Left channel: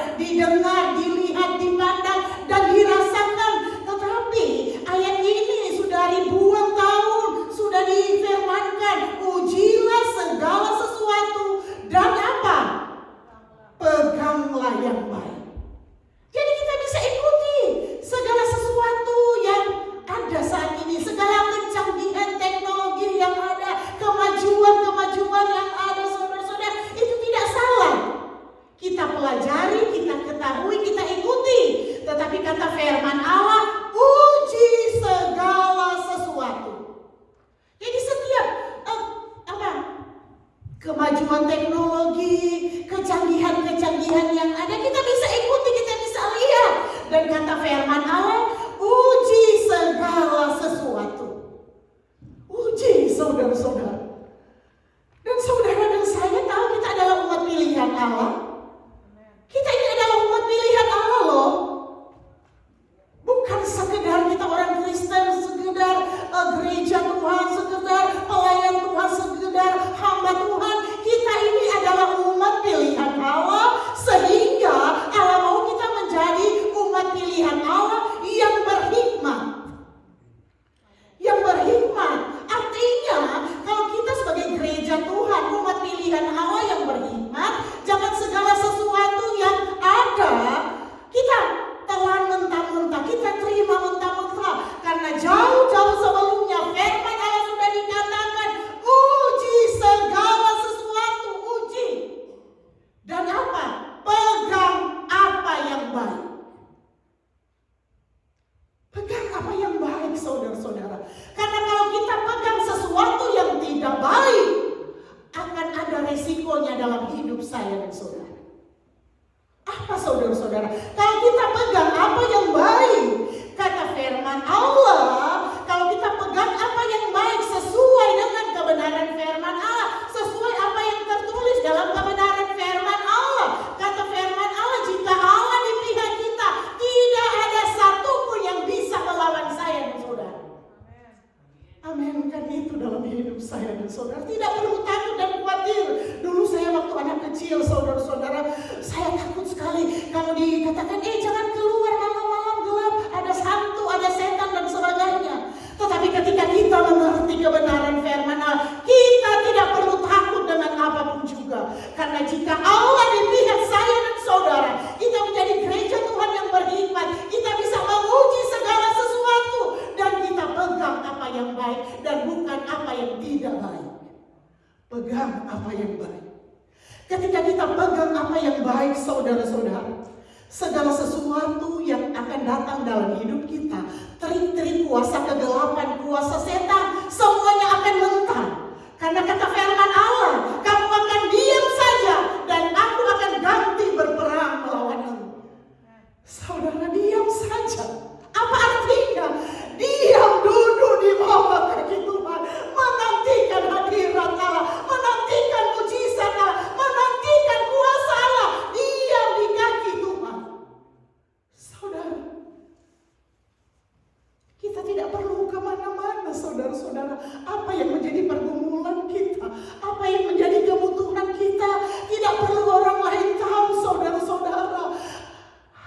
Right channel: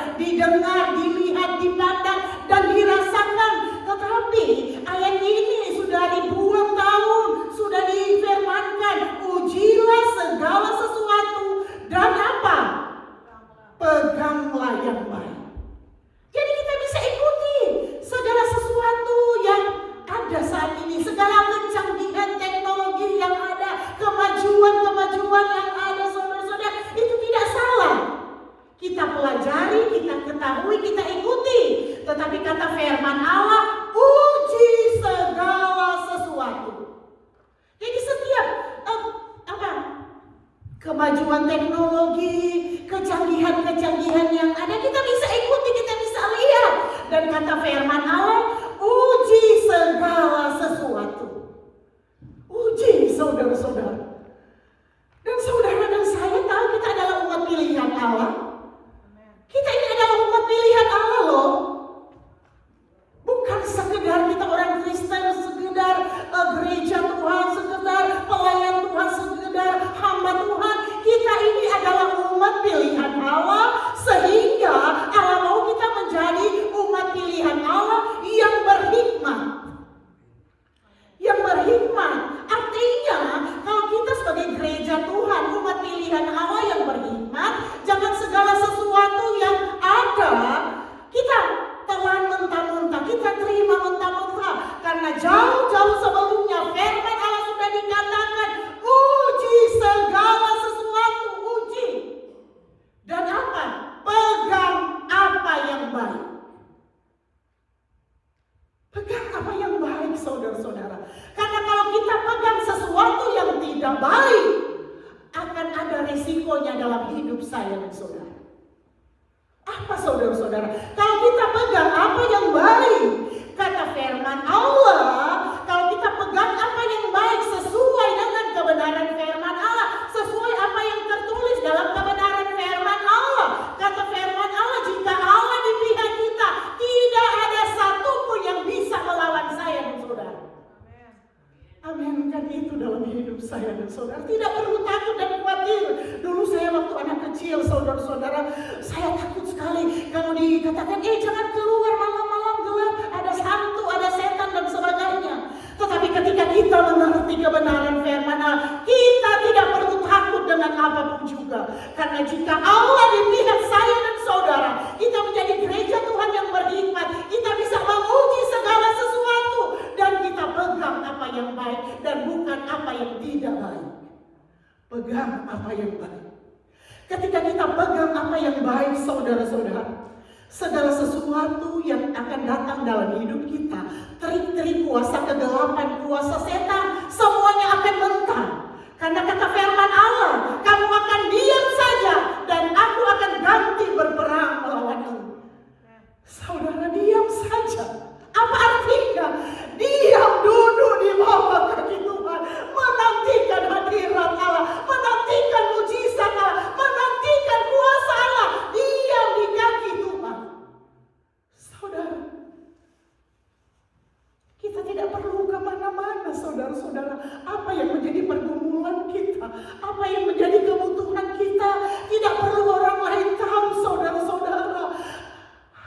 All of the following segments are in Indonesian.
saudara, didengar, dilihat, dipandang, dan dirasakan. Tetapi ayat ini sudah ribuan tahun sudah difirmankan, ujilah segala sesuatu dan apa? Peganglah yang baik. Jadi kita bisa ikuti segala sesuatu yang ada saat ini, segala kecanggihan teknologi yang ada, kemajuan yang ada, saudara-saudara, itu tidak salah. Kita pelajari, kita ketahui, kita ikuti. Tetapi kata firman Allah, uji segala sesuatu. Jadi setiap kemajuan teknologi, kecanggihan yang ada, kita bisa ikuti, kita bisa lihat. Dan kata firman Allah, uji segala sesuatu. Uji, saudara-saudara. Dan saudara dan saya tahu kita adalah umat pilihan Allah. Kita ini adalah umat pilihan Allah loh. Bukan sekedar kita orang Kristen, sekedar gereja Tuhan, sekedar pelayan Tuhan, sekedar hamba Tuhan. Kita ini adalah umat pilihan Allah, sehingga Allah mau kita menjadi umat pilihan Allah yang berhikmat. Yang berhikmat artinya kalau kita sebagai gereja Tuhan, umat pilihan Allah yang berhikmat, jangan segala sesuatu yang ada kita telan mentah-mentah, kita terima mentah-mentah. Karena jauh-jauh sebelumnya firman Allah sudah dikatakan, uji segala sesuatu, uji. Dan apa? Pegang apa yang baik. Pegang apa yang baik, saudara-saudara. Karena kalau kita pegang sesuatu yang tidak baik, akan ada resikonya dalam hidup saya dan saudara. Apa, saudara-saudara? Kalau kita pegang apa yang baik, kata firman Allah, kalau kita pegang apa yang baik sesuai dengan kebenaran firman Allah, sesuai apa yang tertulis dalam kebenaran firman Allah, kata firman Allah, jika Allah di pihak kita, tidak ada satupun yang bisa melawan saya dan saudara. Amin. Kan itu dalam hidup saya dan saudara. Tidak perlu takut dan khawatir. Dulu saya waktu anak kecil, saudara-saudara, saya takut sekali kalau dikatakan, jangan keluar malam-malam gelap, ada hantu, ada setan dan sebagainya. Tetapi ketika kita mengerti kebenaran firman Allah, kita tidak perlu takut dengan apapun juga. Karena jika Allah di pihak saya dan saudara, kita menjadi gereja Tuhan yang berhikmat, kita bisa menguji segala sesuatu dan kita pegang apa yang baik dan bukan apa yang tidak baik. Pegang apa yang baik. Ketika kita pegang apa yang baik, saudara-saudara, segala sesuatu yang akan datang dalam hidup kita, trik-trik kuasa kegelapan, kuasa setan, semuanya akan mentah. Karena kata firman Allah, kamu akan diam saja dan aku akan ganti berperang melawanmu. Saudara, diam saja. Apa artinya? Diam, duduk di bawah kaki Tuhan, menantikan hadirat Allah, menantikan mujizat Allah, menantikan kuasa Allah. Diam di kaki Tuhan. Saudara, kita tidak perlu kemana-mana, saudara-saudara. Apa yang menjadi pergumulan kita, apa yang menjadi kebutuhan kita, tidak perlu orang lain tahu, saudara-saudara.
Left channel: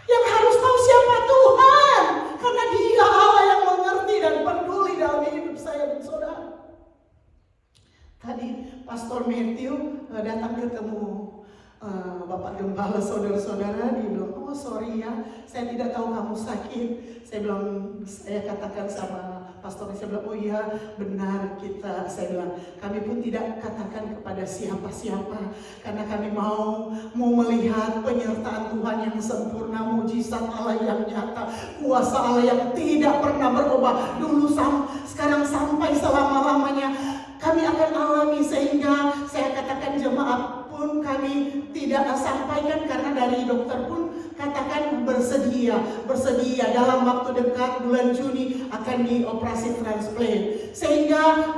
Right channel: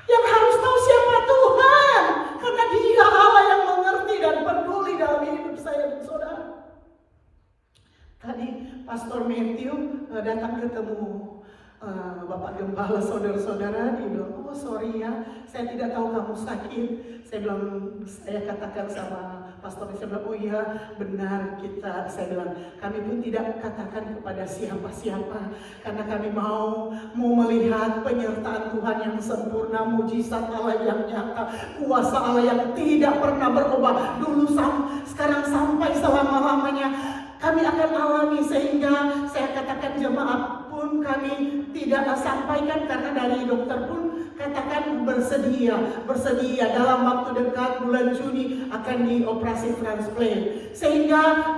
Yang harus tahu siapa Tuhan, karena Dia Allah yang mengerti dan peduli dalam hidup saya dan saudara. Tadi Pastor Matthew datang ketemu Bapak Gembala, saudara-saudara. Dia bilang, sorry ya, saya tidak tahu kamu sakit. Saya katakan sama Pastor, saya bilang, iya benar kita. Saya bilang, kami pun tidak katakan kepada siapa-siapa, karena kami mau melihat penyertaan Tuhan yang sempurna, mujizat Allah yang nyata, kuasa Allah yang tidak pernah berubah dulu, sekarang sampai selama-lamanya. Kami akan alami, sehingga saya katakan jemaat pun kami tidak sampaikan, karena dari dokter pun katakan bersedia dalam waktu dekat bulan Juni akan dioperasi transplant. Sehingga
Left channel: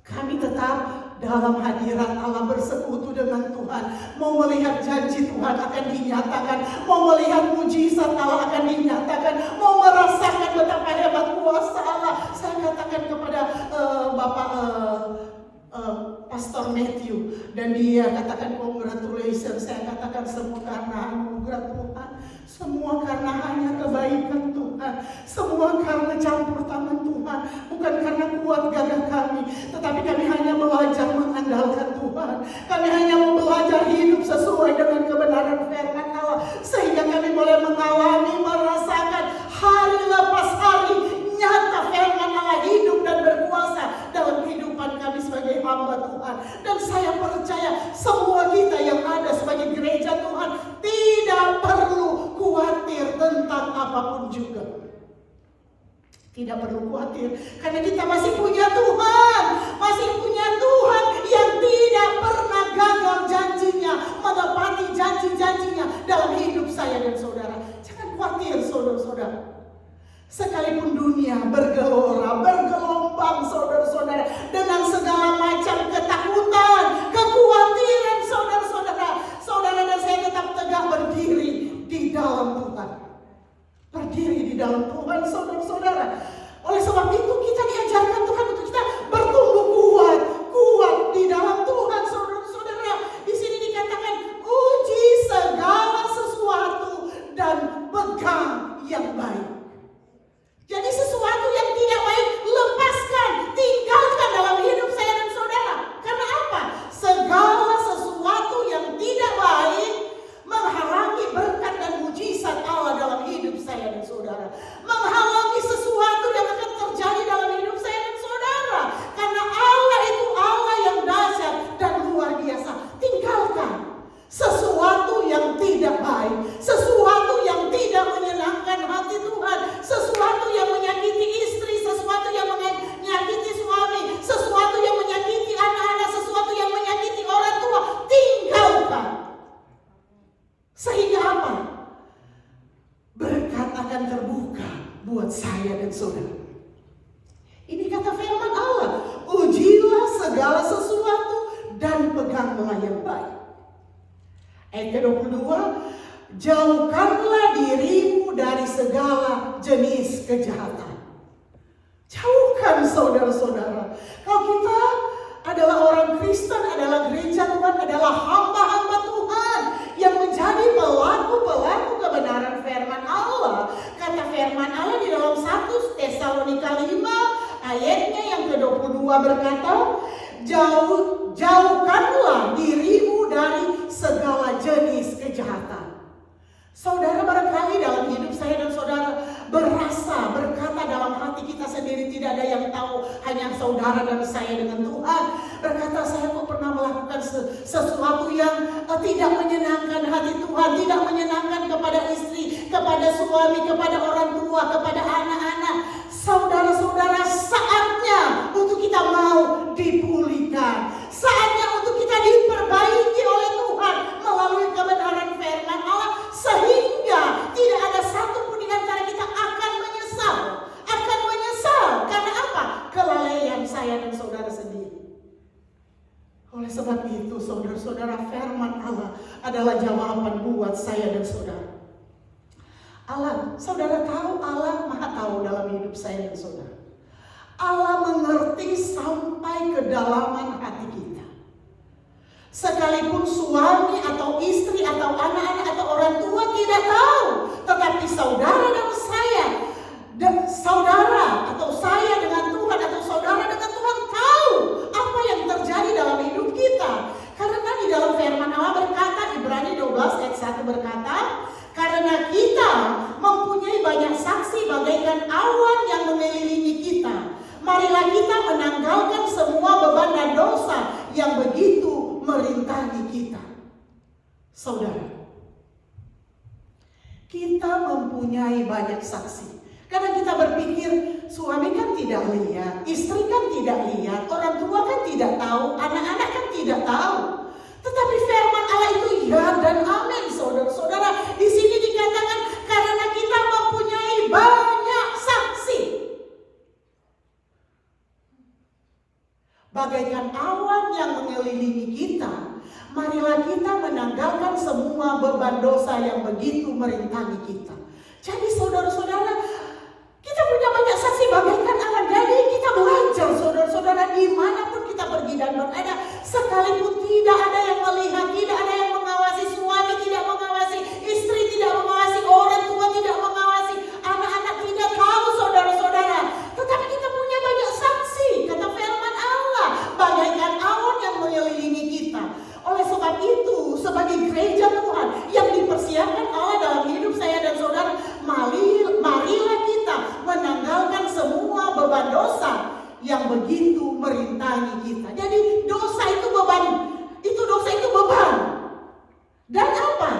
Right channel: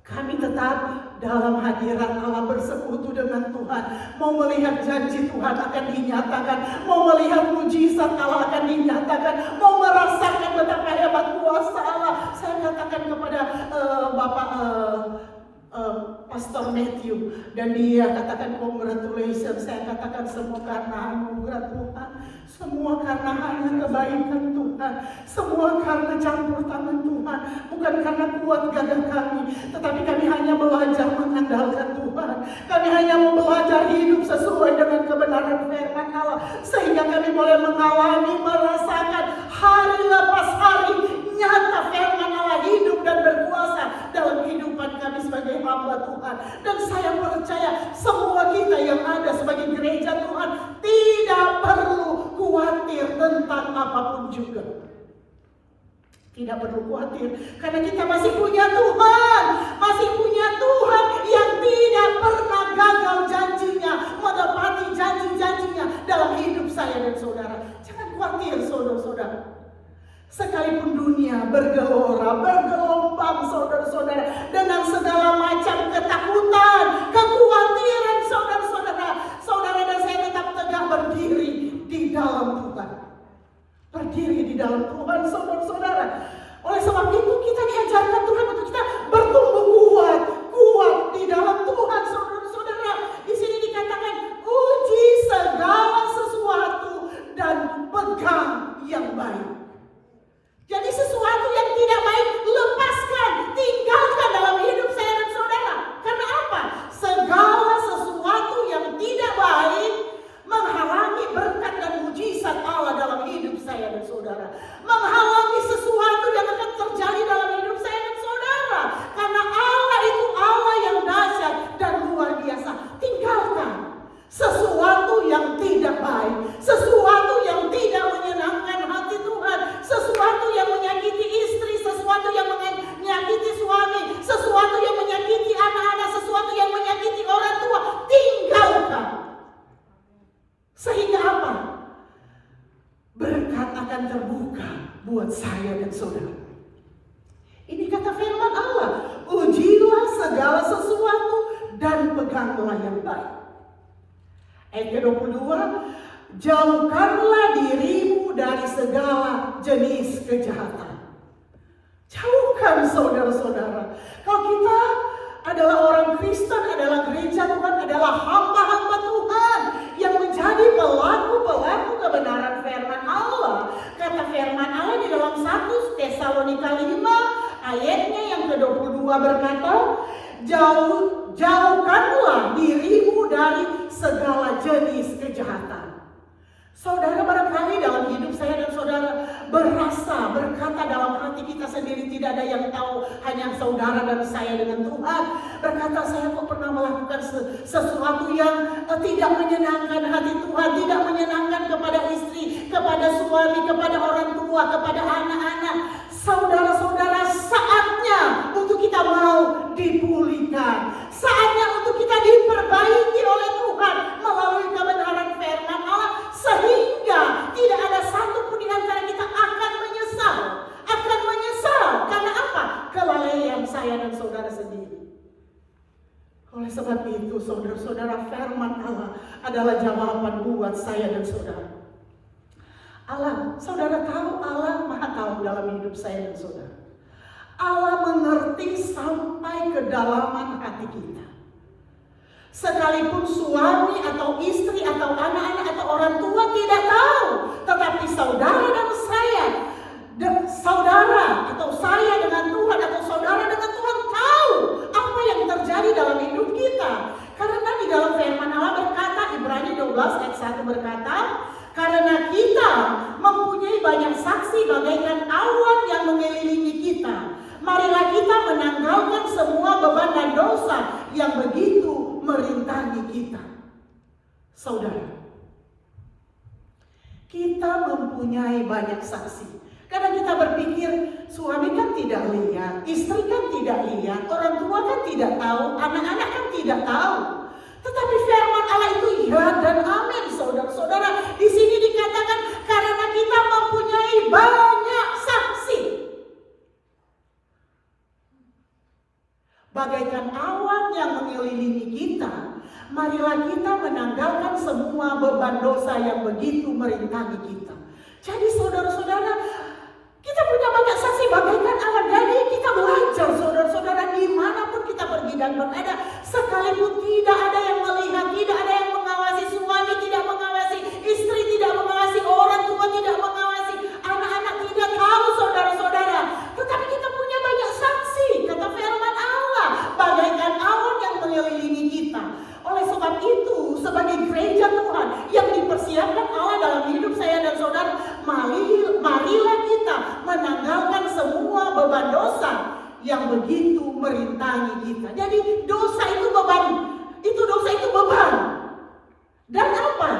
kami tetap dalam hadirat Allah, bersekutu dengan Tuhan, mau melihat janji Tuhan akan dinyatakan, mau melihat mujizat Allah akan dinyatakan, mau merasakan betapa hebat kuasa Allah. Saya katakan kepada Bapak Pastor Matthew, dan dia katakan, kok congratulations, saya katakan semua karena anugerah Tuhan, semua karena hanya kebaikan Tuhan, semua karena campur tangan Tuhan, bukan karena kuat gagah kami, tetapi kami hanya belajar mengandalkan Tuhan. Kami hanya mau belajar hidup sesuai dengan kebenaran firman Allah, sehingga kami boleh mengalami, merasakan hari lepas hari nyata firman Allah hidup dan berkuasa dalam kehidupan kami sebagai hamba Tuhan. Dan saya percaya semua kita yang ada sebagai gereja Tuhan tidak perlu khawatir tentang apapun juga. Tidak perlu khawatir, karena kita masih punya Tuhan, masih punya Tuhan yang tidak pernah gagal janjinya, menepati janji-janjinya dalam hidup saya dan saudara. Jangan khawatir saudara-saudara. Sekalipun dunia bergelora, bergelombang saudara-saudara, dengan segala macam ketakutan, kekhawatiran saudara-saudara, saudara dan saya tetap tegak berdiri di dalam Tuhan. Berdiri di dalam Tuhan saudara-saudara. Oleh sebab itu kita diajarkan Tuhan untuk kita bertumbuh kuat di dalam Tuhan saudara-saudara. Di sini dikatakan uji segala sesuatu dan pegang yang baik. Jadi sesuatu yang tidak baik lepaskan, tinggalkan dalam hidup saya dan saudara. Karena apa? Segala sesuatu yang tidak baik menghalangi berkat dan mujizat Allah dalam hidup saya dan saudara. Menghalangi sesuatu yang akan terjadi dalam hidup saya dan saudara. Karena Allah itu Allah yang dahsyat dan luar biasa. Tinggalkan sesuatu yang tidak baik, sesuatu yang tidak menyenangkan hati Tuhan, sesuatu yang menyakiti istri, sesuatu yang menyakiti suami, sesuatu yang menyakiti anak-anak, sesuatu yang menyakiti orang tua. Tinggalkan. Sehingga apa? Berkat akan terbuka buat saya dan saudara. Ini kata firman Allah, ujilah segala sesuatu dan peganglah yang baik. Ayat ke-22, jauhkanlah dirimu dari segala jenis kejahatan. Jauhkan saudara-saudara. Kalau kita adalah orang Kristen, adalah gereja Tuhan, adalah hamba-hamba Tuhan yang menjadi pelaku-pelaku kebenaran firman Allah. Kata firman Allah di dalam 1 Tesalonika 5 ayatnya yang ke-22 berkata, jauhkanlah dirimu dari segala jenis kejahatan. Saudara, barangkali dalam hidup saya dan saudara berkata dalam hati kita sendiri, tidak ada yang tahu, hanya saudara dan saya dengan Tuhan. Berkata, saya kok pernah melakukan sesuatu yang tidak menyenangkan hati Tuhan, tidak menyenangkan kepada istri, kepada suami, kepada orang tua, kepada anak-anak. Saudara-saudara, saatnya untuk kita mau dipulihkan. Saatnya untuk kita diperbaiki oleh Tuhan melalui kebenaran firman Allah, sehingga tidak ada satupun di antara kita akan menyesal. Karena apa? Kelalaian saya dan saudara sendiri. Oleh sebab itu saudara-saudara, firman Allah adalah jawaban buat saya dan saudara. Allah, saudara tahu, Allah maha tahu dalam hidup saya dan saudara. Allah mengerti sampai kedalaman hati kita. Sekalipun suami atau istri atau anak-anak atau orang tua tidak tahu, tetapi saudara dan saya, saudara atau saya dengan Tuhan atau saudara dengan Tuhan tahu apa yang terjadi dalam hidup kita. Karena di dalam firman Allah berkata, Ibrani 12 ayat 1 berkata, karena kita mempunyai banyak saksi bagaikan awan yang mengelilingi kita, marilah kita menanggalkan semua beban dan dosa yang begitu merintangi kita. Saudara, kita mempunyai banyak saksi. Karena kita berpikir, suami kan tidak lihat, istri kan tidak lihat, orang tua kan tidak tahu, anak-anak kan tidak tahu. Tetapi firman Allah itu ya dan amin, saudara-saudara. Di sini dikatakan karena kita mempunyai banyak saksi. Bagaikan awan yang mengelilingi kita, marilah kita menanggalkan semua beban dosa yang begitu merintangi kita. Jadi saudara-saudara, kita punya banyak saksi bagaikan awan. Jadi kita belajar saudara-saudara, dimanapun kita pergi dan berada, sekalipun tidak ada yang melihat, tidak ada yang yang begitu merintangi kita. Jadi dosa itu beban. Dosa itu beban. Dan apa?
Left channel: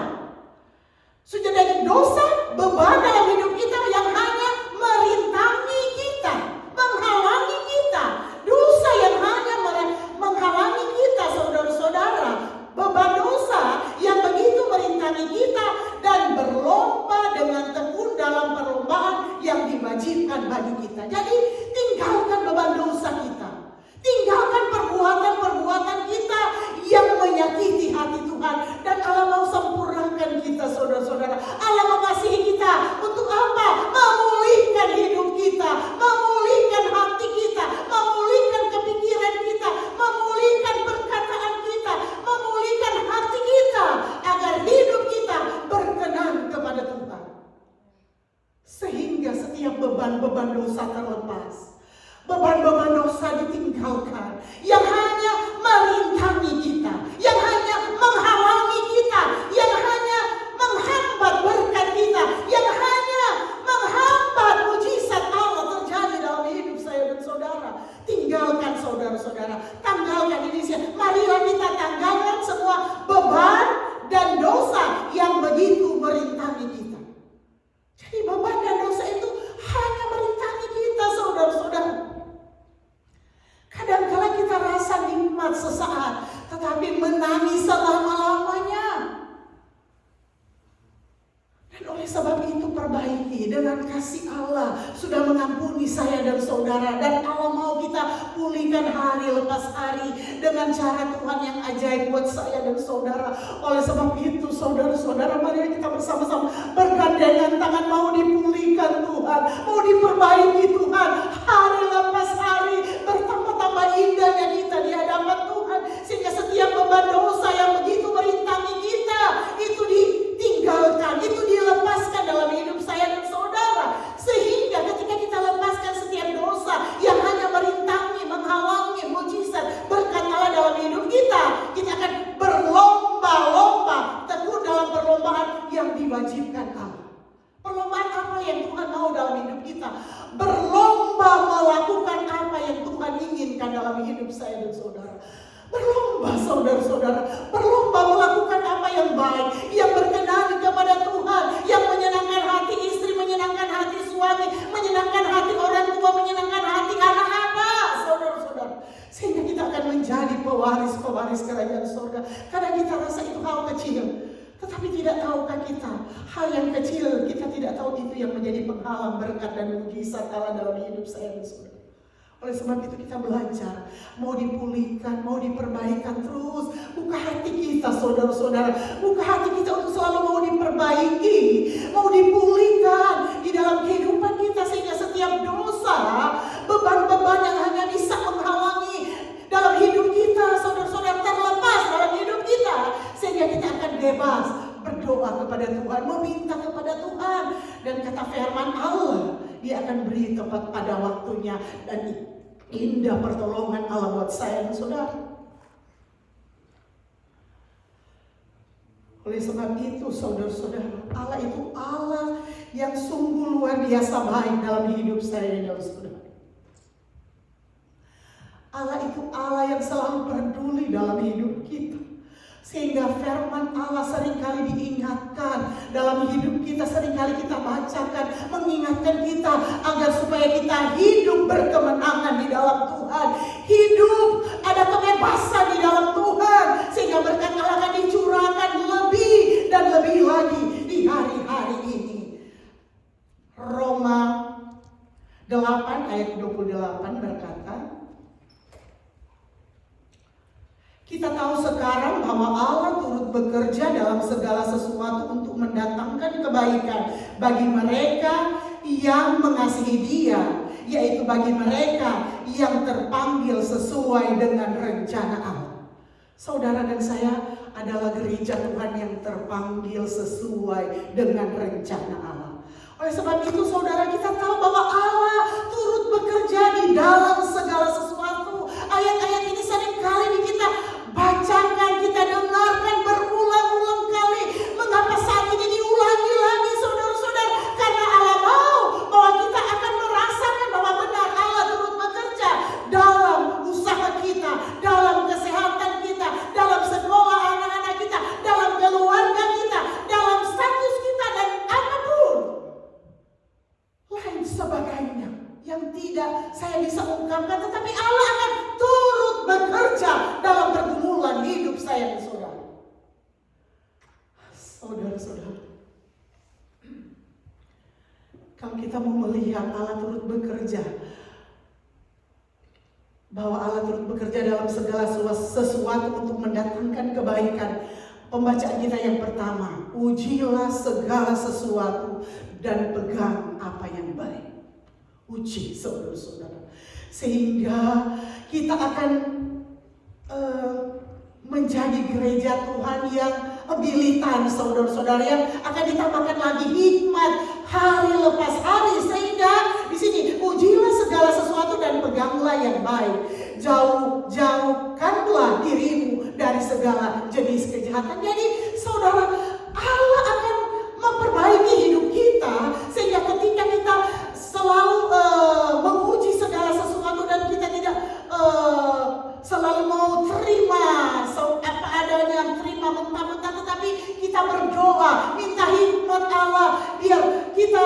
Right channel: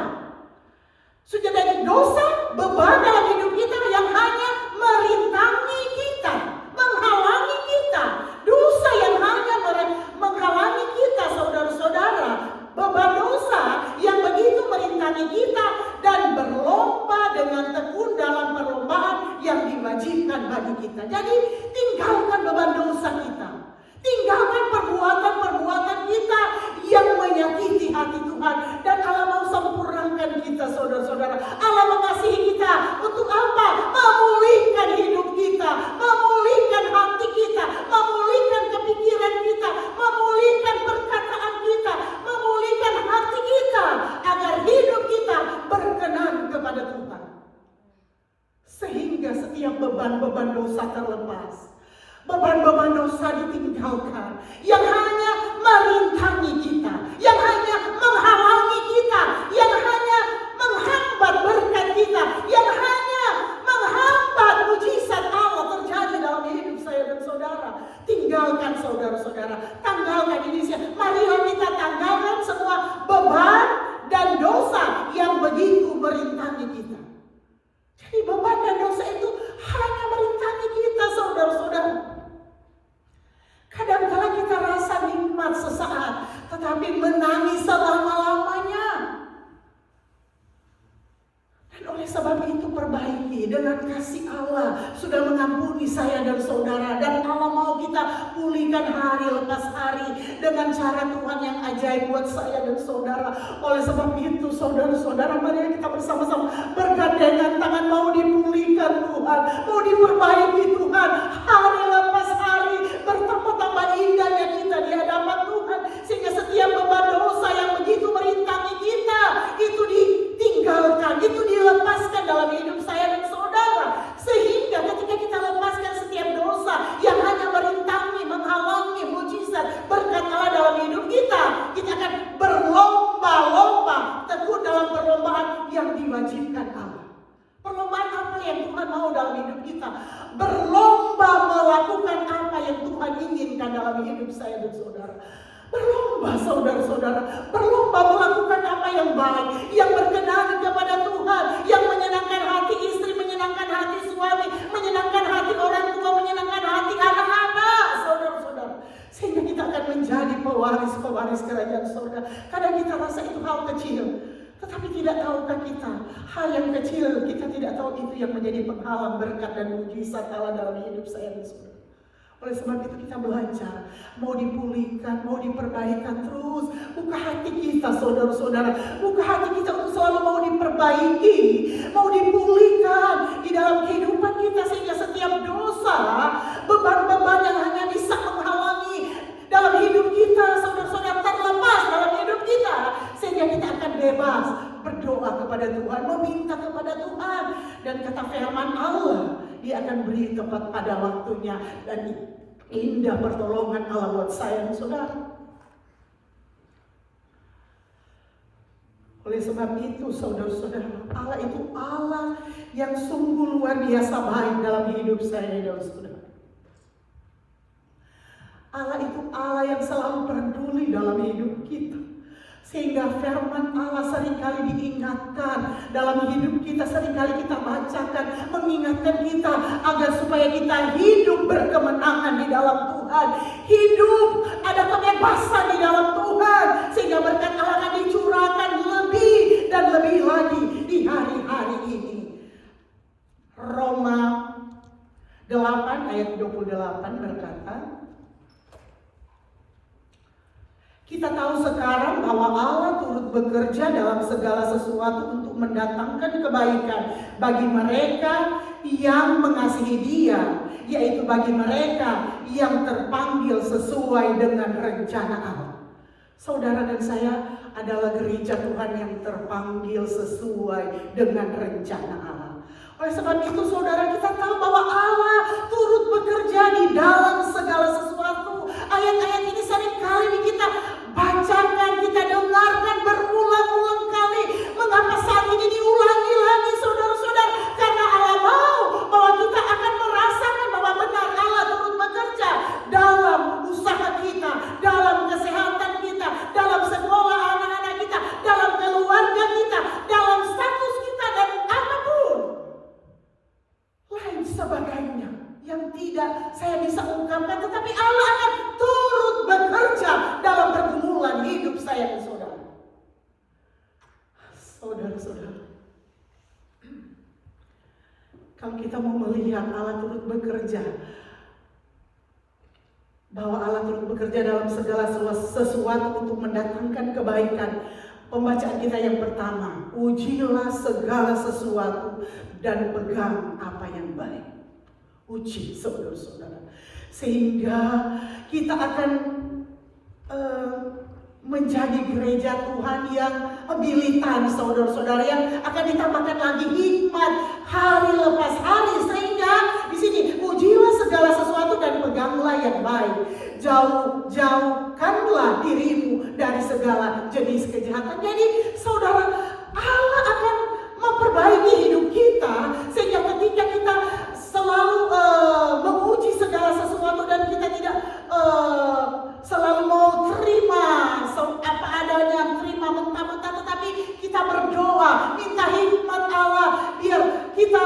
Sudah jadi dosa, beban dalam hidup kita yang hanya merintangi kita, menghalangi kita. Dosa yang hanya menghalangi kita, saudara-saudara. Beban dosa yang begitu merintangi kita dan berlomba dengan tekun dalam perlombaan yang diwajibkan bagi kita. Jadi tinggalkan beban dosa kita. Tinggalkan perbuatan-perbuatan kita yang menyakiti hati Tuhan. Dan Allah mau sempurnakan kita, saudara-saudara. Allah mengasihi kita untuk apa? Memulihkan hidup kita, memulihkan hati kita, memulihkan kepikiran kita, memulihkan perkataan kita, memulihkan hati kita, agar hidup kita berkenan kepada Tuhan. Sehingga setiap beban-beban dosa terlepas. Beban-beban dosa ditinggalkan yang hanya merintangi kita, yang hanya menghalangi kita, yang hanya menghambat berkat kita, yang hanya menghambat mujizat Allah terjadi dalam hidup saya dan saudara. Tinggalkan, saudara-saudara, tanggalkan ini. Marilah kita tanggalkan semua beban dan dosa yang begitu merintangi kita. Jadi beban dan dosa itu hanya merintangi kita, saudara-saudara. Kadang-kala kita rasa nikmat sesaat, tetapi menangis selama-lamanya. Dan oleh sebab itu perbaiki dengan kasih Allah. Sudah mengampuni saya dan saudara. Dan Allah mau kita pulihkan hari lepas hari dengan cara Tuhan yang ajaib buat saya dan saudara. Oleh sebab itu saudara-saudara, mari kita bersama-sama bergandengan tangan, mau dipulihkan Tuhan, mau diperbaiki Tuhan. Hari lepas hari bertambah-tambah indahnya kita di hadapan Tuhan. Sehingga setiap beban dosa yang begitu merintangi kita itu ditinggalkan, itu dilepaskan dalam hidup saya dan saudara. Sehingga ketika kita lepaskan setiap dosa yang hanya merintangi, menghalangi mujizat berkat Allah dalam hidup kita, kita akan berlomba-lomba tekun dalam perlombaan yang diwajibkan Allah. Perlombaan apa yang Tuhan mau dalam hidup kita? Berlomba melakukan apa yang Tuhan inginkan dalam hidup saya dan saudara. Berlomba, saudara-saudara, berlomba melakukan apa yang baik, yang berkenan kepada Tuhan, yang menyenangkan hati istri, menyenangkan hati suami, menyenangkan hati orang tua, menyenangkan hati anak-anak, saudara-saudara. Sehingga kita akan menjadi pewaris-pewaris kerajaan surga. Kadang kita rasa itu hal kecil, tetapi tidak tahukah kita, hal yang kecil kita tidak tahu itu yang menjadi penghalang berkat dan mujizat Allah dalam hidup saya dan saudara. Oleh sebab itu kita belajar, mau dipulihkan, mau diperbaikan terus. Buka hati kita, saudara-saudara, buka hati kita untuk selalu mau diperbaiki, mau dipulihkan di dalam kehidupan kita. Sehingga setiap dosa, beban-beban yang hanya bisa menghalangi dalam hidup kita, saudara-saudara, terlepas dalam hidup kita. Sehingga kita akan bebas berdoa kepada Tuhan, meminta kepada Tuhan. Dan kata firman Allah, Dia akan beri tepat pada waktunya. Dan indah pertolongan Allah buat saya dan saudara. Oleh sebab itu saudara-saudara, Allah itu Allah yang sungguh luar biasa baik dalam hidup saya dan saudara. Allah itu Allah yang selalu peduli dalam hidup kita. Sehingga firman Allah seringkali diingatkan dalam hidup kita, seringkali kita bacakan, mengingatkan kita agar supaya kita hidup berkemenangan di dalam Tuhan. Hidup ada kebebasan di dalam Tuhan. Sehingga berkat Allah akan dicurahkan lebih dan lebih lagi di hari-hari ini. Roma 8 ayat 28 berkata, kita tahu sekarang bahwa Allah turut bekerja dalam segala sesuatu untuk mendatangkan kebaikan bagi mereka yang mengasihi Dia, yaitu bagi mereka yang terpanggil sesuai dengan rencana Allah. Saudara dan saya adalah gereja Tuhan yang terpanggil sesuai dengan rencana Allah. Oleh sebab itu saudara, kita tahu bahwa Allah turut bekerja di dalam segala sesuatu. Ayat-ayat ini seringkali kita bacakan, kita dengarkan berulang-ulang kali. Mengapa saat ini diulangi lagi saudara-saudara? Karena Allah mau bahwa kita akan merasakan bahwa benar Allah turut bekerja kita mau melihat Allah turut bekerja, bahwa Allah turut bekerja dalam segala sesuatu untuk mendatangkan kebaikan. Pembacaan kita yang pertama, ujilah segala sesuatu dan pegang apa yang baik. Uji, saudara-saudara, sehingga kita akan menjadi gereja Tuhan yang militan, saudara-saudara, yang akan ditambahkan lagi hikmat hari lepas hari. Sehingga di sini, ujilah segala sesuatu dan peganglah yang baik. Jauhkanlah dirimu dari segala jenis kejahatan. Jadi saudara, Allah akan memperbaiki hidup kita, sehingga ketika kita selalu menguji segala sesuatu dan kita tidak selalu mau terima apa adanya, terima mentah-mentah, tetapi kita berdoa, minta hikmat Allah, biar kita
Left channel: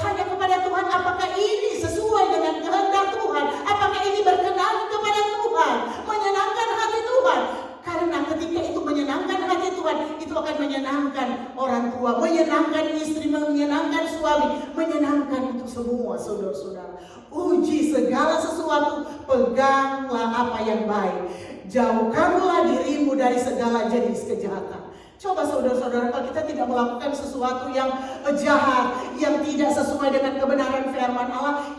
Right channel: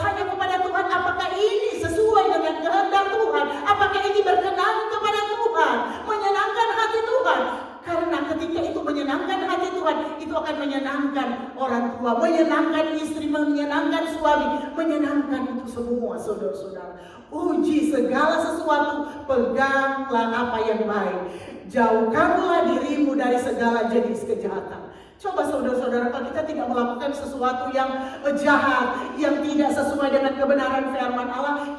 tanya kepada Tuhan, apakah ini sesuai dengan kehendak Tuhan, apakah ini berkenan kepada Tuhan, menyenangkan hati Tuhan. Karena ketika itu menyenangkan hati Tuhan, itu akan menyenangkan orang tua, menyenangkan istri, menyenangkan suami, menyenangkan itu semua, saudara-saudara. Uji segala sesuatu, peganglah apa yang baik. Jauhkanlah dirimu dari segala jenis kejahatan. Coba saudara-saudara, kalau kita tidak melakukan sesuatu yang jahat, yang tidak sesuai dengan kebenaran firman Allah,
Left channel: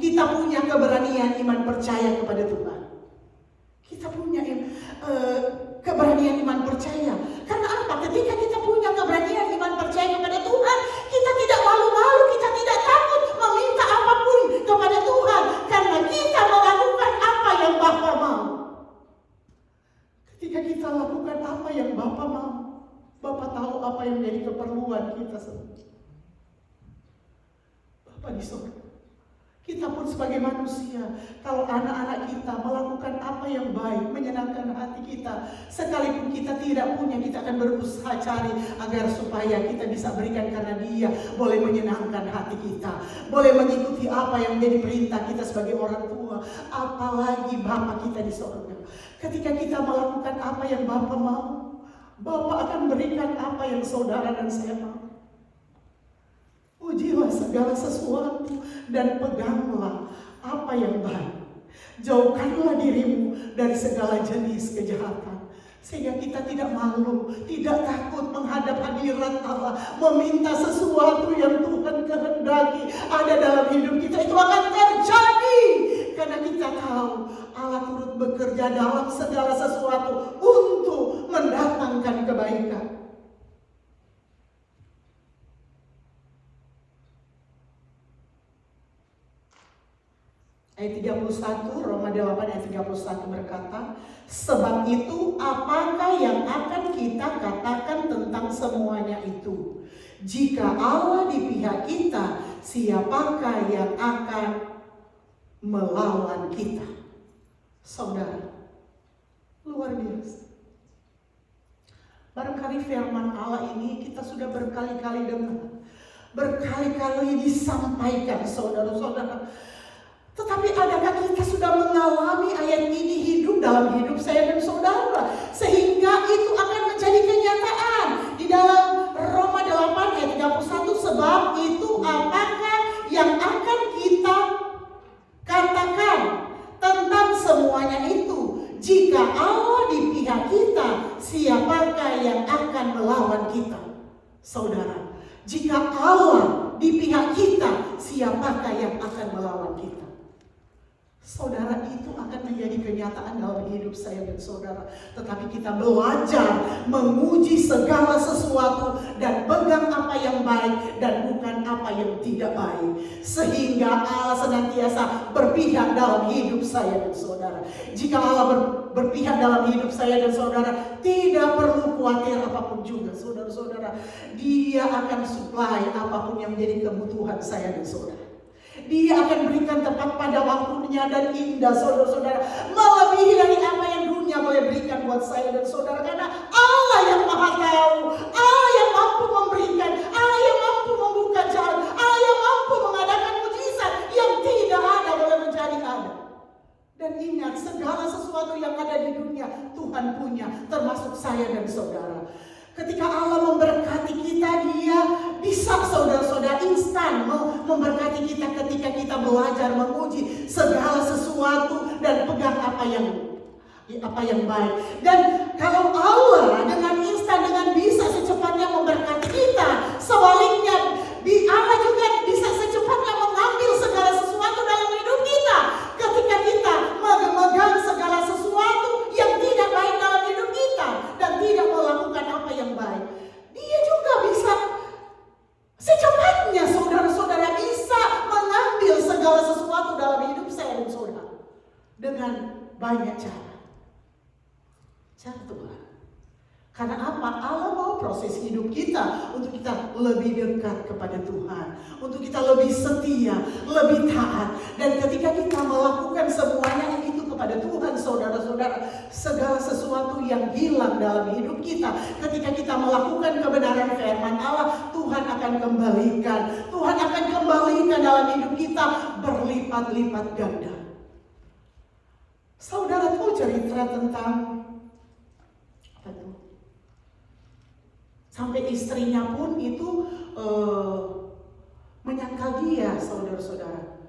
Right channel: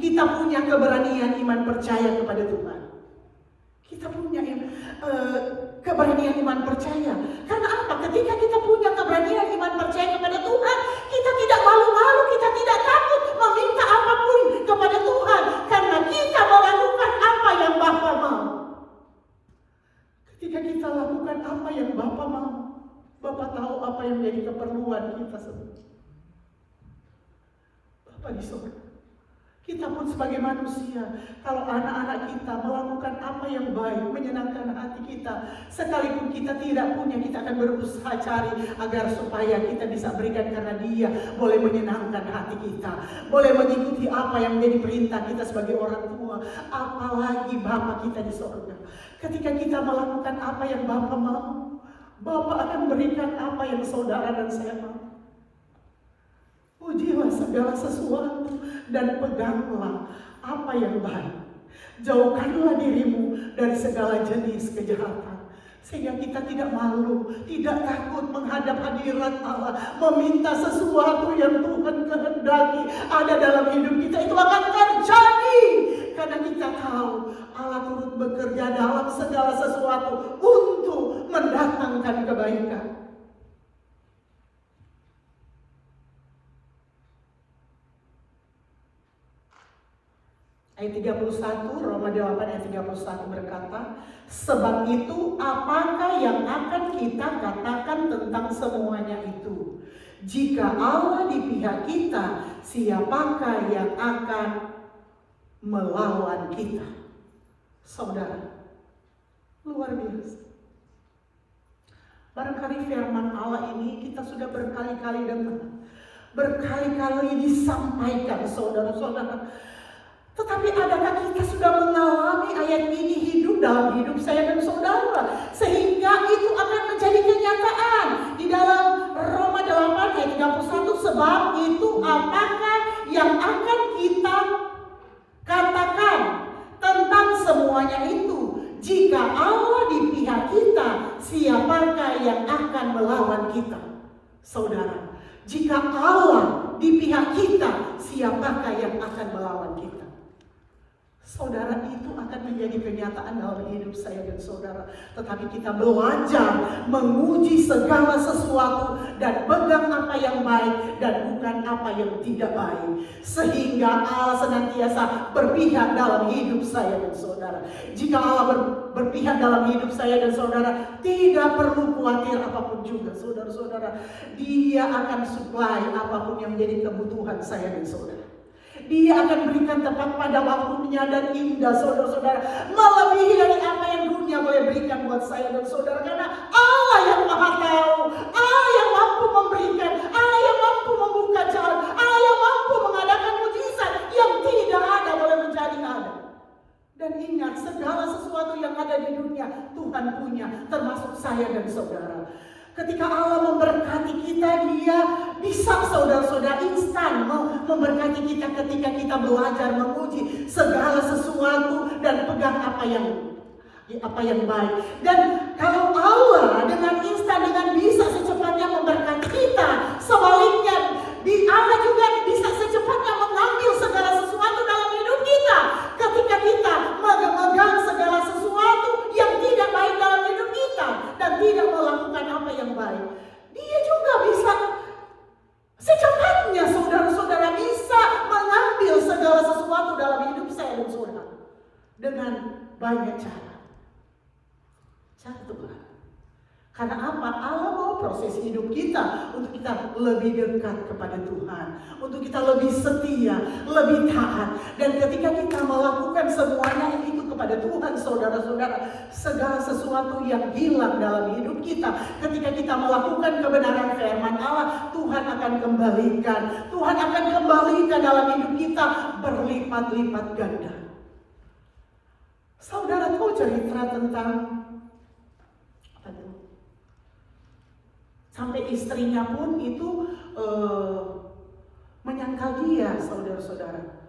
kita punya keberanian iman percaya kepada Tuhan. Kita punya keberanian iman percaya. Karena apa? Ketika kita punya keberanian iman percaya kepada Tuhan, kita tidak malu-malu, kita tidak takut meminta apapun kepada Tuhan, karena kita melakukan apa yang Bapa mau. Ketika kita lakukan apa yang Bapa mau, Bapa tahu apa yang menjadi keperluan kita semua. Bapa di surga. Kita pun sebagai manusia, kalau anak-anak kita melakukan apa yang baik, menyenangkan hati kita, sekalipun kita tidak punya, kita akan berusaha cari agar supaya kita bisa berikan, karena Dia boleh menyenangkan hati kita, boleh mengikuti apa yang menjadi perintah kita sebagai orang tua. Apalagi Bapa kita di surga. Ketika kita melakukan apa yang Bapa mau, Bapa akan berikan apa yang saudara dan saya mau. Ujilah segala sesuatu dan peganglah apa yang baik. Jauhkanlah dirimu dari segala jenis kejahatan, sehingga kita tidak malu, tidak takut menghadap hadirat Allah, meminta sesuatu yang Tuhan kehendaki ada dalam hidup kita. Itu akan terjadi karena kita tahu Allah turut bekerja dalam segala sesuatu untuk mendatangkan kebaikan. Ayat 31, Roma 8 ayat 31 berkata, sebab itu apakah yang akan kita katakan tentang semuanya itu? Jika Allah di pihak kita, siapakah yang akan melawan kita? Saudara, luar biasa. Barangkali firman Allah ini kita sudah berkali-kali dengar, berkali-kali disampaikan, saudara-saudara. Tetapi adakah kita sudah mengalami ayat ini hidup dalam hidup saya dan saudara, sehingga itu akan menjadi kenyataan di dalam Roma 8 ayat 31, sebab itu apakah yang akan kita katakan tentang semuanya itu? Jika Allah di pihak kita, siapakah yang akan melawan kita? Saudara, jika Allah di pihak kita, siapakah yang akan melawan kita? Saudara, itu akan menjadi kenyataan dalam hidup saya dan saudara. Tetapi kita belajar menguji segala sesuatu dan pegang apa yang baik dan bukan apa yang tidak baik, sehingga Allah senantiasa berpihak dalam hidup saya dan saudara. Jika Allah berpihak dalam hidup saya dan saudara, tidak perlu khawatir apapun juga, saudara-saudara. Dia akan supply apapun yang menjadi kebutuhan saya dan saudara. Dia akan berikan tepat pada waktunya dan indah, saudara-saudara, melebihi dari apa yang dunia boleh berikan buat saya dan saudara. Karena Allah yang maha tahu, Allah yang mampu memberikan, Allah yang mampu membuka jalan, Allah yang mampu mengadakan mujizat yang tidak ada boleh menjadi ada. Dan ingat, segala sesuatu yang ada di dunia Tuhan punya, termasuk saya dan saudara. Ketika Allah memberkati kita, Dia bisa saudara-saudara instan memberkati kita ketika kita belajar menguji segala sesuatu dan pegang apa yang baik. Dan kalau Allah dengan instan, dengan bisa secepatnya memberkati kita, sebaliknya Allah juga bisa secepatnya mengambil segala sesuatu dalam hidup kita ketika kita memegang segala sesuatu yang tidak baik dalam hidup kita dan tidak melakukan apa yang baik. Dia juga bisa secepatnya saudara-saudara bisa mengambil segala sesuatu dalam hidup saya dan saudara dengan banyak cara. Tuhan. Karena apa? Allah mau proses hidup kita untuk kita lebih dekat kepada Tuhan, untuk kita lebih setia, lebih taat. Dan ketika kita melakukan semuanya itu kepada Tuhan, saudara-saudara, segala sesuatu yang hilang dalam hidup kita, ketika kita melakukan kebenaran firman Allah, Tuhan akan kembalikan. Tuhan akan kembalikan dalam hidup kita berlipat-lipat ganda. Saudara tahu cerita tentang sampai istrinya pun itu menyangkal dia, saudara-saudara.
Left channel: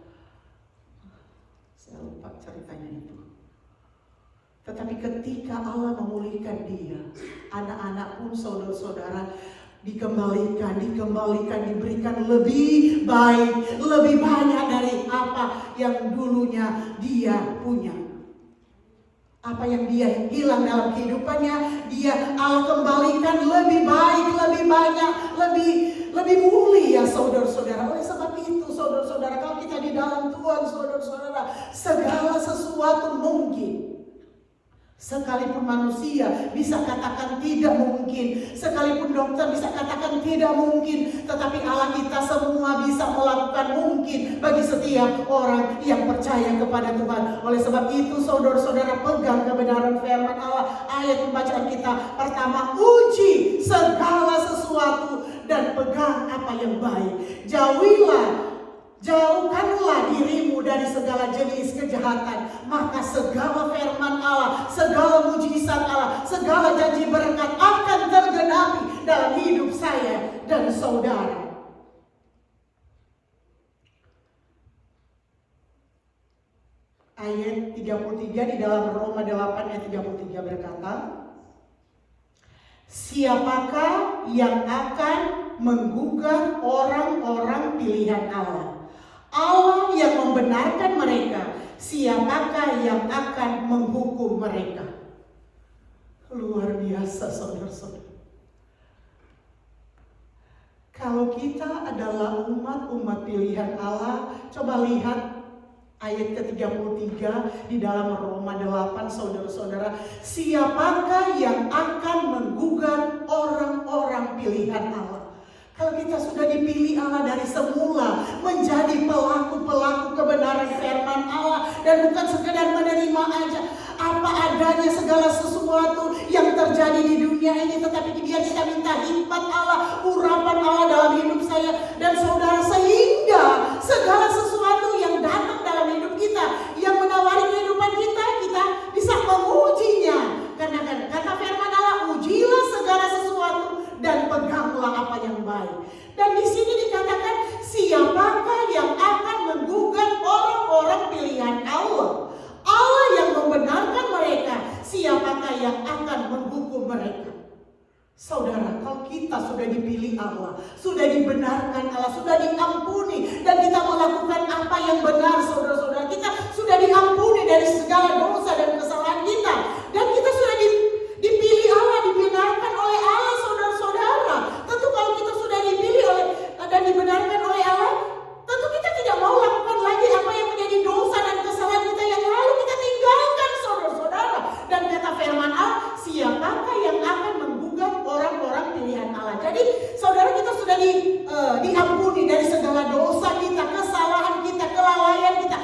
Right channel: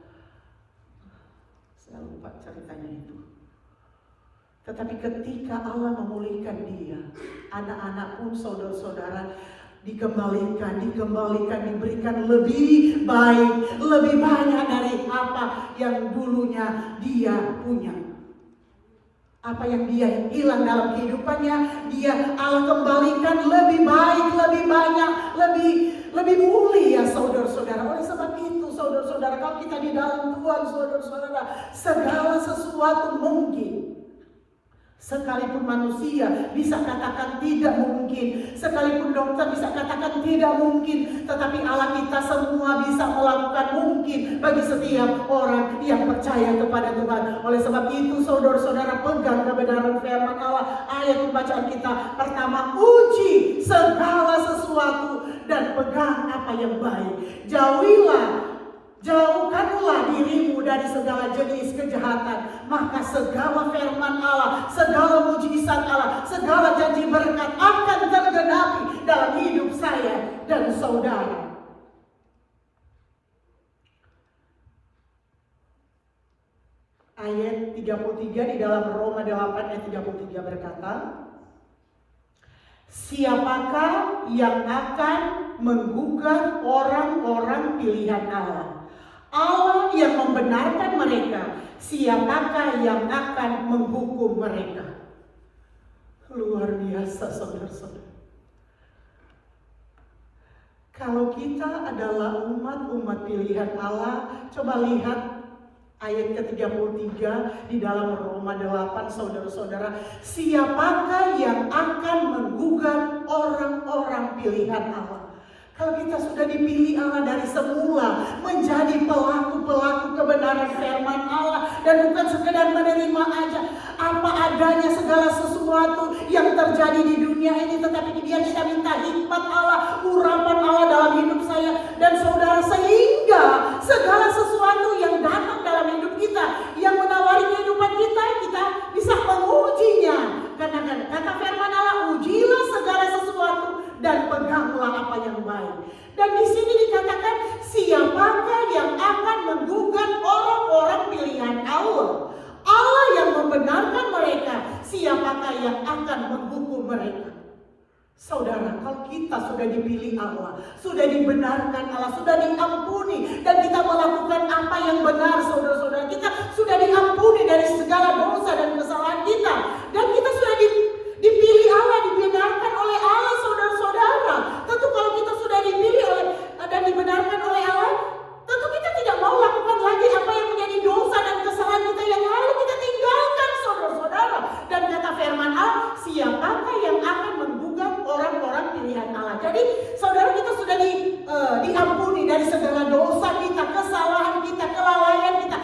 Saya lupa ceritanya itu. Tetapi ketika Allah memulihkan dia, anak-anak pun saudara-saudara dikembalikan, diberikan lebih baik, lebih banyak dari apa yang dulunya dia punya. Apa yang dia hilang dalam kehidupannya, Allah kembalikan lebih baik, lebih banyak, lebih mulia, saudara-saudara. Oleh sebab itu, saudara-saudara, kalau kita di dalam Tuhan, saudara-saudara, segala sesuatu mungkin. Sekalipun manusia bisa katakan tidak mungkin, sekalipun dokter bisa katakan tidak mungkin, tetapi Allah kita semua bisa melakukan mungkin bagi setiap orang yang percaya kepada Tuhan. Oleh sebab itu, saudara-saudara, pegang kebenaran firman Allah. Ayat pembacaan kita pertama, uji segala sesuatu dan pegang apa yang baik. Jauhkanlah dirimu dari segala jenis kejahatan, maka segala firman Allah, segala mujizat Allah, segala janji berkat akan tergenapi dalam hidup saya dan saudara. Ayat 33 di dalam Roma 8 ayat 33 berkata, siapakah yang akan menggugat orang-orang pilihan Allah? Allah yang membenarkan mereka, siapakah yang akan menghukum mereka? Luar biasa, saudara-saudara. Kalau kita adalah umat pilihan Allah, coba lihat ayat ke-33 di dalam Roma 8, saudara-saudara. Siapakah yang akan menggugat orang-orang pilihan Allah? Kalau kita sudah dipilih Allah dari semula menjadi pelaku-pelaku kebenaran firman Allah, dan bukan sekedar menerima aja apa adanya segala sesuatu yang terjadi di dunia ini, tetapi biar kita minta hikmat Allah, urapan Allah dalam hidup saya dan saudara, sehingga segala sesuatu yang datang dalam hidup kita, yang menawari kehidupan kita bisa mengujinya. Karena kata firman Allah, ujilah segala sesuatu dan peganglah apa yang baik. Dan di sini dikatakan, siapakah yang akan menggugat orang-orang pilihan Allah? Allah yang membenarkan mereka, siapakah yang akan menghukum mereka? Saudara, kalau kita sudah dipilih Allah, sudah dibenarkan Allah, sudah diampuni, dan kita melakukan apa yang benar, saudara-saudara, kita sudah diampuni dari segala dosa dan kesalahan kita, dan kita sudah dipilih Allah, dibenarkan oleh Allah, saudara-saudara. Tentu kalau kita sudah dipilih dan dibenarkan oleh Allah, tentu kita tidak mau lakukan lagi apa yang menjadi dosa dan kesalahan kita yang lalu. Kita tinggalkan, saudara-saudara. Dan kata firman Allah, siapakah yang akan menggugat orang-orang pilihan Allah? Jadi saudara, kita sudah diampuni dari segala dosa kita, kesalahan kita, kelalaian kita,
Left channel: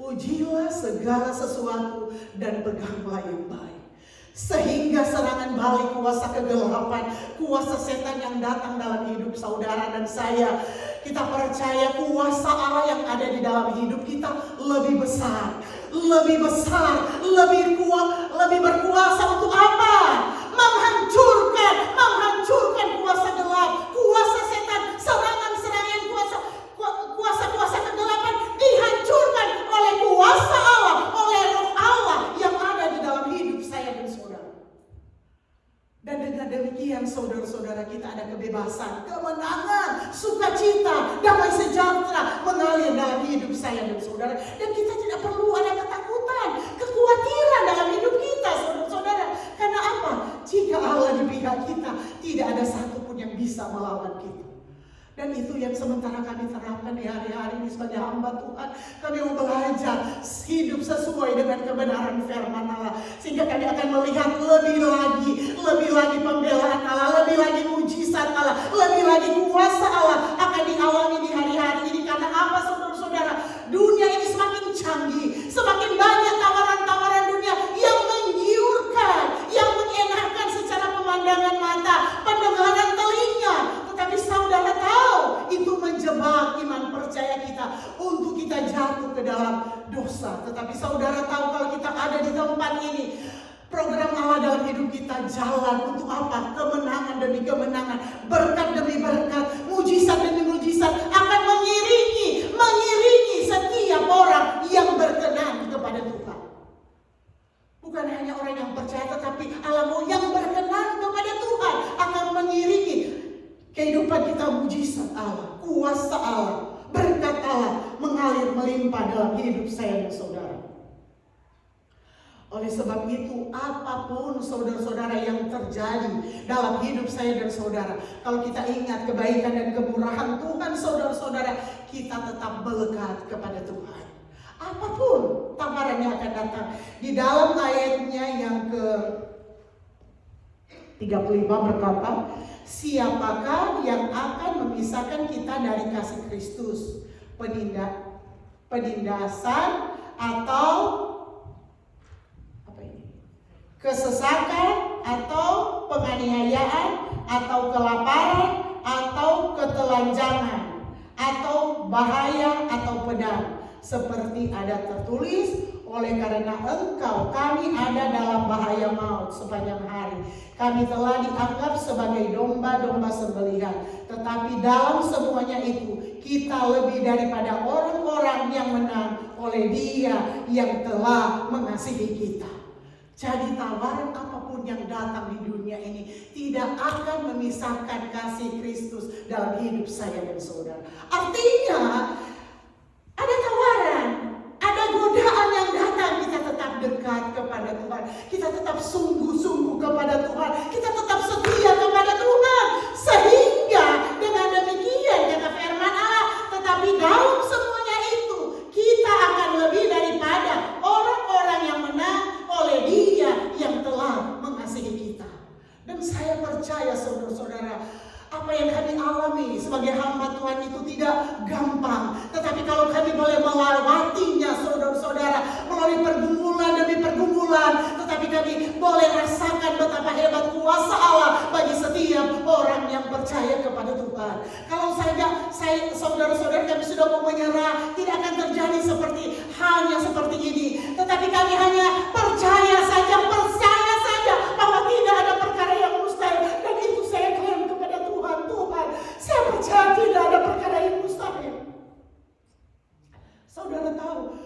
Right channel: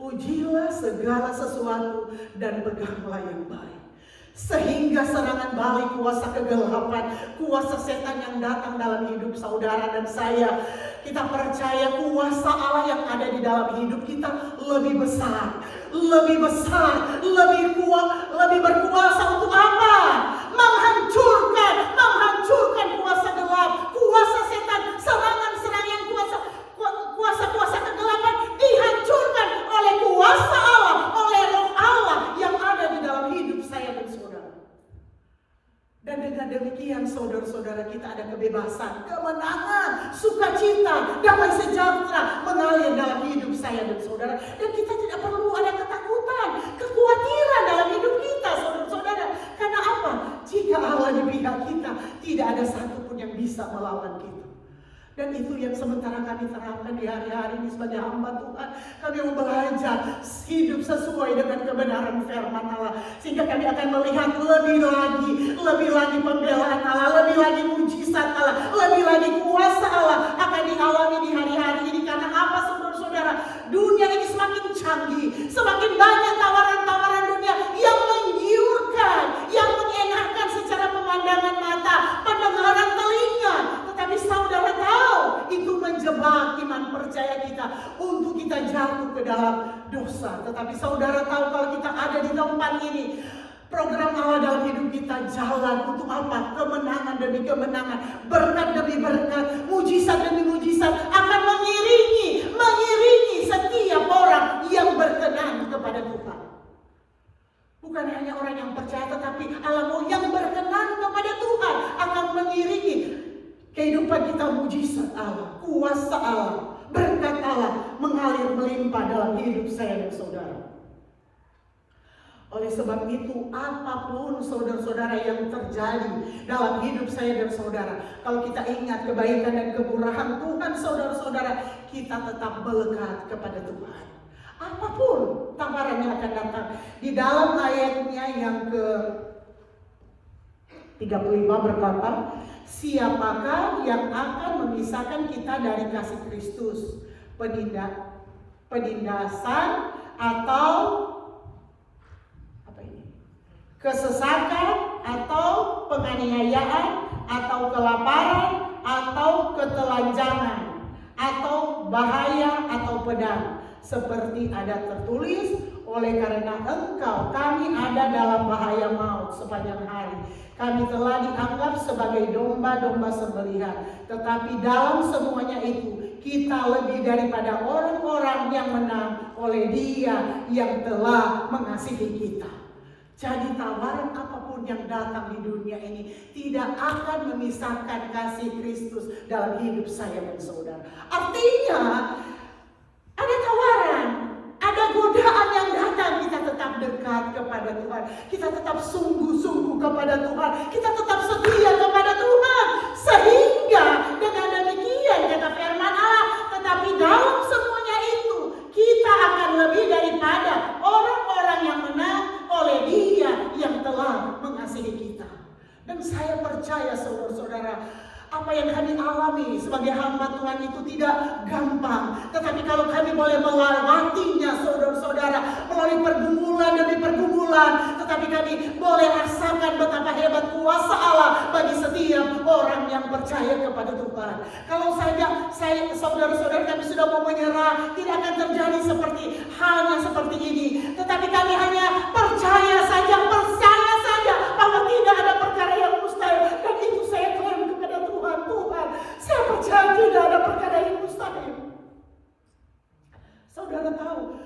Ujilah segala sesuatu dan peganglah yang baik. Sehingga serangan balik kuasa kegelapan, kuasa setan yang datang dalam hidup saudara dan saya, kita percaya kuasa Allah yang ada di dalam hidup kita lebih besar, lebih besar, lebih kuat, lebih berkuasa untuk apa? Menghancurkan kuasa gelap, kuasa setan, serangan-serangan kuasa kegelapan dihancurkan oleh kuasa Allah, oleh roh Allah yang ada di dalam hidup saya dan saudara. Dan dengan demikian saudara-saudara, kita ada kebebasan, kemenangan, sukacita, damai sejahtera mengalir dalam hidup saya dan saudara. Dan kita tidak perlu ada ketakutan, kekhawatiran dalam hidup kita saudara-saudara. Karena apa? Jika Allah di pihak kita, tidak ada satupun yang bisa melawan kita. Dan itu yang sementara kami terapkan di hari-hari ini sebagai hamba Tuhan. Kami mau belajar hidup sesuai dengan kebenaran firman Allah. Sehingga kami akan melihat lebih lagi pembelaan Allah, lebih lagi mujizat Allah, lebih lagi kuasa Allah akan dialami di hari-hari ini. Karena apa saudara-saudara? Dunia ini semakin canggih, semakin banyak tawaran-tawaran dunia yang menggiurkan, yang menyenangkan secara pemandangan mata, pendengaran telinga. Tetapi saudara tahu, itu menjebak iman percaya kita untuk kita jatuh ke dalam dosa. Tetapi saudara tahu, kalau kita ada di tempat ini, program Allah dalam hidup kita jalan untuk apa? Kemenangan demi kemenangan, berkat demi berkat, mujizat demi mujizat akan mengiringi setiap orang yang berkenan kepada Tuhan. Bukan hanya orang yang percaya, tetapi alam yang berkenan kepada Tuhan akan mengiringi kehidupan kita. Mujizat Allah, kuasa Allah, berkat Allah mengalir melimpah dalam hidup saya dan saudara. Oleh sebab itu, apapun saudara-saudara yang terjadi dalam hidup saya dan saudara, kalau kita ingat kebaikan dan kemurahan Tuhan saudara-saudara, kita tetap melekat kepada Tuhan. Apapun tawarannya akan datang. Di dalam ayatnya yang ke-35 berkata, siapakah yang akan memisahkan kita dari kasih Kristus? Penindasan atau kesesakan, atau penganiayaan, atau kelaparan, atau ketelanjangan, atau bahaya, atau pedang. Seperti ada tertulis, oleh karena engkau kami ada dalam bahaya maut sepanjang hari. Kami telah dianggap sebagai domba-domba sembelihan. Tetapi dalam semuanya itu, kita lebih daripada orang-orang yang menang oleh Dia yang telah mengasihi kita. Jadi tawaran apapun yang datang di dunia ini tidak akan memisahkan kasih Kristus dalam hidup saya dan saudara. Artinya ada tawaran, ada godaan yang datang, kita tetap dekat kepada Tuhan, kita tetap sungguh-sungguh kepada Tuhan, kita tetap setia kepada Tuhan. Sehingga dengan demikian kata firman Allah, tetapi dalam semuanya itu kita akan lebih daripada orang-orang yang menang oleh Dia yang telah mengasihi kita. Dan saya percaya saudara-saudara, apa yang kami alami sebagai hamba Tuhan itu tidak gampang. Tetapi kalau kami boleh melewatinya saudara-saudara, melalui pergumulan demi pergumulan, tetapi kami boleh rasakan betapa hebat kuasa Allah bagi setiap orang yang percaya kepada Tuhan. Kalau saya saudara-saudara kami sudah mau menyerah, tidak akan terjadi hanya seperti ini. Tetapi kami hanya percaya saja bahwa tidak ada perkara yang mustahil. Dan itu saya klaim kepada Tuhan. Saya percaya tidak ada perkara yang mustahil. Saudara tahu,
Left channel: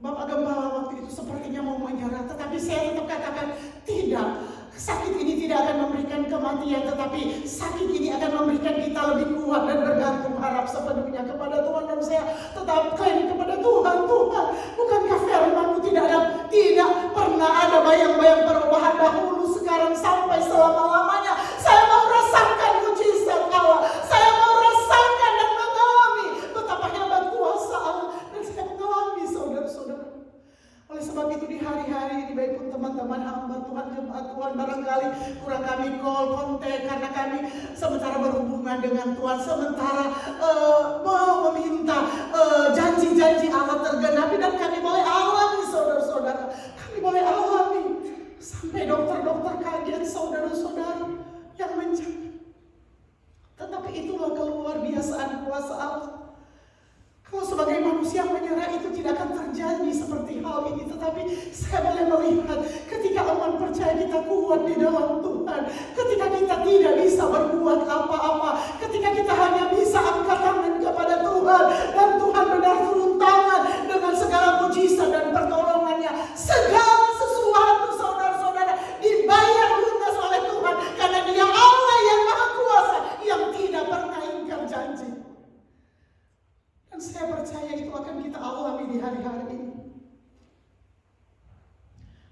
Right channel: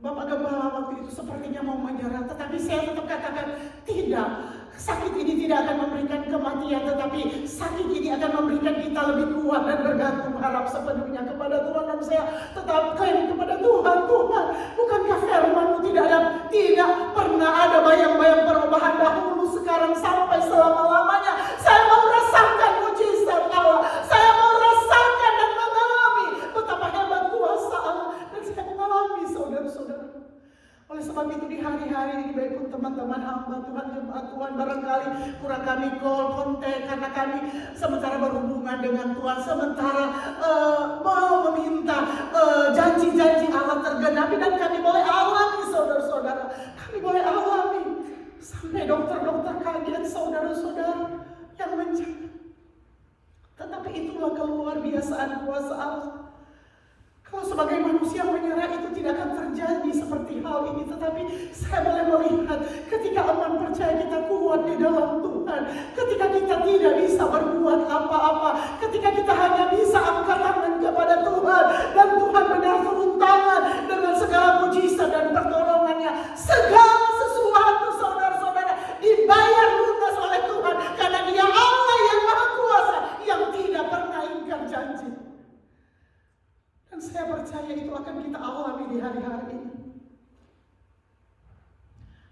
Bapak Gembala waktu itu sepertinya mau menyerah, tetapi saya tetap katakan tidak. Sakit ini tidak akan memberikan kematian, tetapi sakit ini akan memberikan kita lebih kuat dan bergantung harap sepenuhnya kepada Tuhan. Dan saya tetap klaim kepada Tuhan, bukankah firman-Mu tidak pernah ada bayang-bayang perubahan dahulu, sekarang sampai selama-lamanya. Saya mau rasakan mujizat Allah, saya mau rasakan dan mengalami betapa hebat kuasa Allah. Dan saya mengalami saudara-saudara. Oleh sebab itu di hari-hari ini, baik pun teman-teman hamba Tuhan, jemaat Tuhan, barangkali kurang kami kontak karena kami sementara berhubungan dengan Tuhan, sementara mau meminta janji-janji Allah tergenapi, dan kami boleh ini, tetapi saya boleh melihat ketika aman percaya kita kuat di dalam Tuhan, ketika kita tidak bisa berbuat apa-apa, ketika kita hanya bisa angkat tangan kepada Tuhan, dan Tuhan benar turun tangan dengan segala mujizat dan pertolongannya. Segala sesuatu saudara-saudara dibayar lunas oleh Tuhan, karena Dia Allah yang Maha Kuasa, yang tidak pernah ingkar janji. Dan saya percaya itu akan kita alami di hari-hari ini.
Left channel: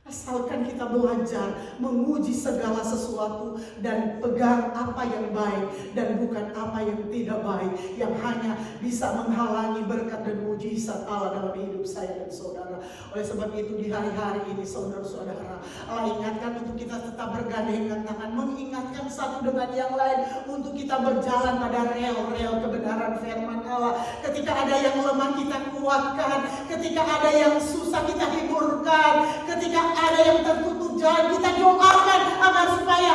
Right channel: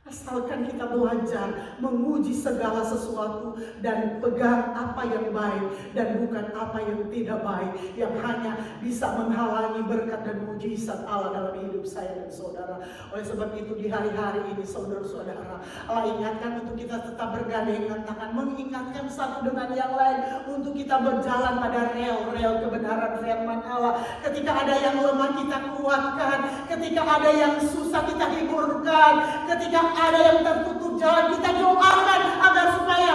Asalkan kita belajar menguji segala sesuatu dan pegang apa yang baik dan bukan apa yang tidak baik, yang hanya bisa menghalangi berkat dan mujizat Allah dalam hidup saya dan saudara. Oleh sebab itu di hari-hari ini saudara-saudara, Allah ingatkan untuk kita tetap bergandengan tangan, mengingatkan satu dengan yang lain untuk kita berjalan pada rel-rel kebenaran firman Allah. Ketika ada yang lemah kita kuatkan, ketika ada yang susah kita hiburkan, ketika ada yang tertutup jalan kita doakan agar supaya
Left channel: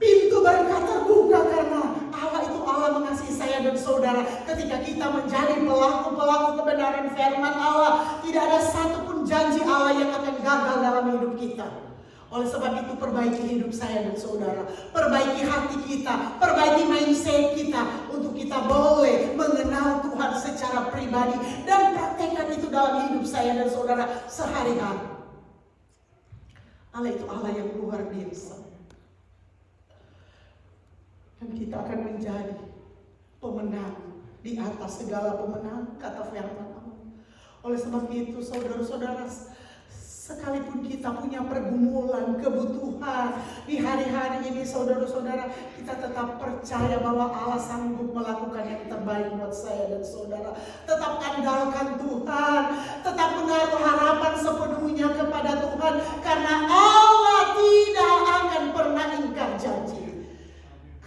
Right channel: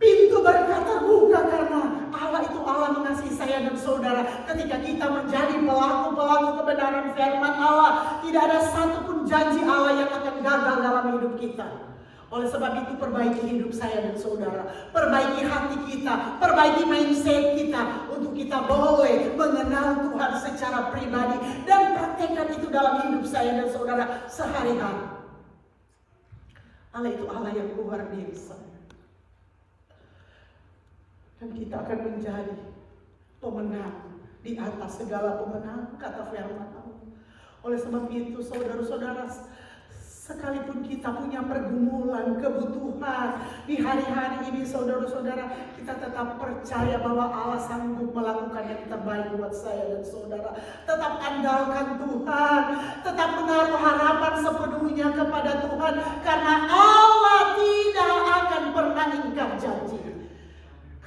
pintu berkat terbuka, karena Allah itu Allah mengasihi saya dan saudara. Ketika kita menjadi pelaku-pelaku kebenaran firman Allah, tidak ada satupun janji Allah yang akan gagal dalam hidup kita. Oleh sebab itu perbaiki hidup saya dan saudara, perbaiki hati kita, perbaiki mindset kita untuk kita boleh mengenal Tuhan secara pribadi dan praktekkan itu dalam hidup saya dan saudara sehari-hari. Allah itu Allah yang luar biasa. Dan kita akan menjadi pemenang di atas segala pemenang, kata firman Allah. Oleh sebab itu saudara-saudara, sekalipun kita punya pergumulan, kebutuhan di hari-hari ini saudara-saudara, kita tetap percaya bahwa Allah sanggup melakukan yang terbaik buat saya dan saudara. Tetap andalkan Tuhan, tetap menaruh harapan sepenuhnya kepada Tuhan, karena Allah tidak akan pernah ingkar janji.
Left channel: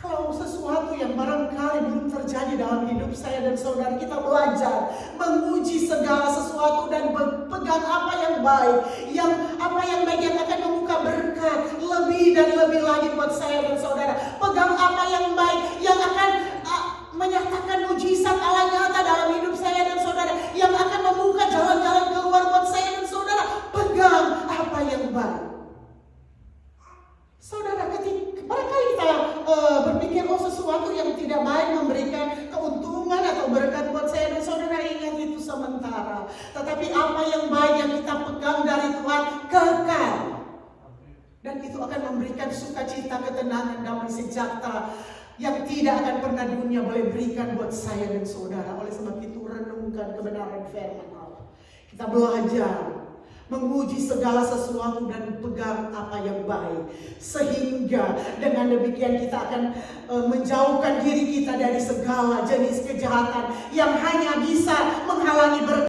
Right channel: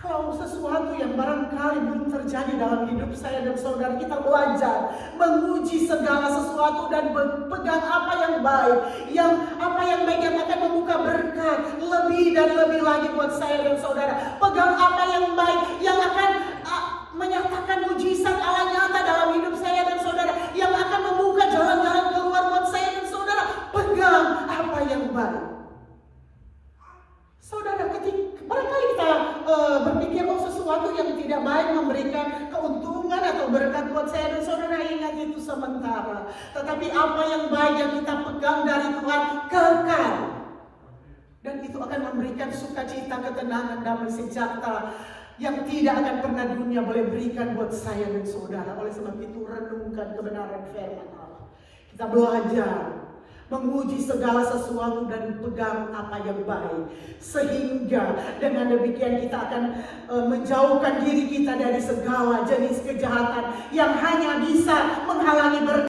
Kalau sesuatu yang barangkali belum terjadi dalam hidup saya dan saudara, kita belajar menguji segala sesuatu dan pegang apa yang baik, yang baik yang akan membuka berkat lebih dan lebih lagi buat saya dan saudara. Pegang apa yang baik yang akan menyatakan mujizat Allah nyata dalam hidup saya dan saudara, yang akan membuka jalan-jalan keluar buat saya dan saudara. Pegang apa yang baik. Saudara, ketika barangkali kita berpikir sesuatu yang tidak baik memberikan keuntungan atau berkat buat saya dan saudara, ingat itu sementara. Tetapi apa yang baik yang kita pegang dari Tuhan kekal. Dan itu akan memberikan sukacita, ketenangan, damai sejahtera yang tidak akan pernah dunia boleh berikan buat saya dan saudara. Oleh sebab itu renungkan kebenaran firman Allah. Kita belajar menguji segala sesuatu dan pegang apa yang baik, sehingga dengan demikian kita akan menjauhkan diri kita dari segala jenis kejahatan yang hanya bisa menghalangi berkat